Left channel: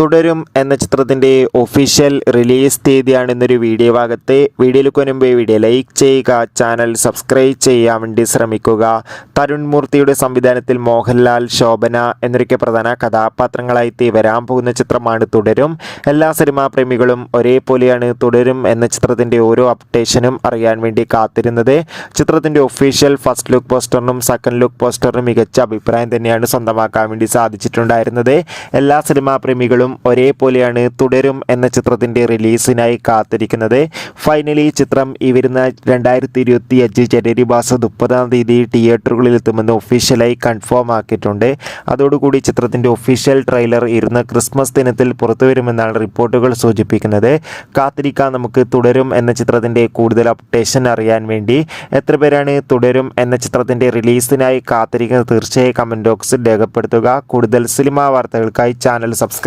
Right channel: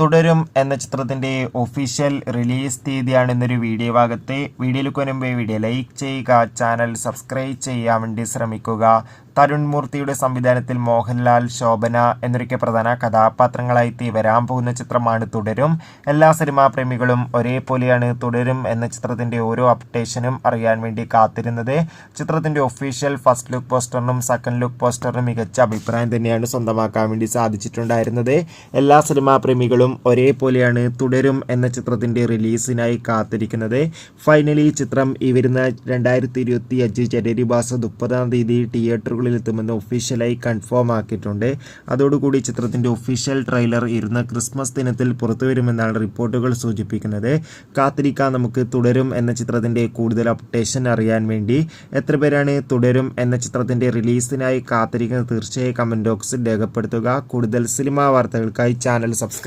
തുടരും എന്ന ചിത്രത്തിൻ്റെ ഒഫീഷ്യൽ റിലീസ് തീയതിയാണ് ഇന്നൊരു വീഡിയോ ഭാഗത്ത്. വീഡിയോയിലേക്ക് മുൻപ് വീഡിയോ ലൈക്ക് ചെയ്യുക, ചാനൽ സബ്സ്ക്രൈബ് ചെയ്യാൻ വേണ്ടി ശ്രമിക്കുക. തരുൺ മൂർത്തിയുടെ സംവിധാനത്തിൽ മോഹൻലാൽ, ശോഭന എന്നൊക്കെ പ്രധാന കഥാപാത്രങ്ങളായി വരാൻ പോകുന്ന ചിത്രമാണ് തുടരും. എല്ലാ സിനിമാ പ്രേമികളും ഒരേപോലെയാണ് തുടരും എന്ന ചിത്രത്തിൻ്റെ ഓരോ അപ്ഡേഷനും അറിയാൻ വേണ്ടി കാത്തിരുന്നത്. ചിത്രത്തിൻ്റെ ഒഫീഷ്യൽ ഫസ്റ്റ് ലുക്ക് പോസ്റ്ററിനും സെക്കൻഡ് ലുക്ക് പോസ്റ്ററിനും മികച്ച അഭിപ്രായം തന്നെയാണ് സ്വന്തമാക്കാൻ വേണ്ടി സാധിച്ചിട്ടുണ്ടായിരുന്നത്. എല്ലാ സിനിമാ പ്രേമികളും ഒരേപോലെയാണ് തുടരും എന്ന ചിത്രത്തിൻ്റെ റിലീസിനായി കാത്തിരിക്കുന്നത്. ഫൈനലി ചിത്രം ഈ വരുന്ന 2025 ജനുവരി മാസം 30 തിയേറ്ററുകളിൽ എത്തുമെന്ന് ഒഫീഷ്യലായി കൺഫേം ആക്കിയിട്ടുണ്ട്. അതോടുകൂടി ചിത്രത്തിൻ്റെ ഒഫീഷ്യൽ ട്രെയിലർ ഇരുന്ന ക്രിസ്മസ് ദിനത്തിൽ പുറത്തുവരുമെന്നാണ് റിപ്പോർട്ടുകൾ സൂചിപ്പിക്കുന്നത്. കാത്തിരിക്കാൻ നമുക്ക് തുടരും എന്ന ചിത്രത്തിൻ്റെ കൂടുതൽ അപ്ഡേഷൻ അറിയാൻ വേണ്ടി. എത്ര പേരാണ് തുടരും എന്ന ചിത്രത്തിൻ്റെ റിലീസിനായി കാത്തിരിക്കുന്നത്? തീർച്ചയായും കമൻറ്റ് ബോക്സിൽ രേഖപ്പെടുത്തുക. കൂടുതൽ സിനിമാ വാർത്തകൾക്കായി ചാനൽ സബ്സ്ക്രൈബ്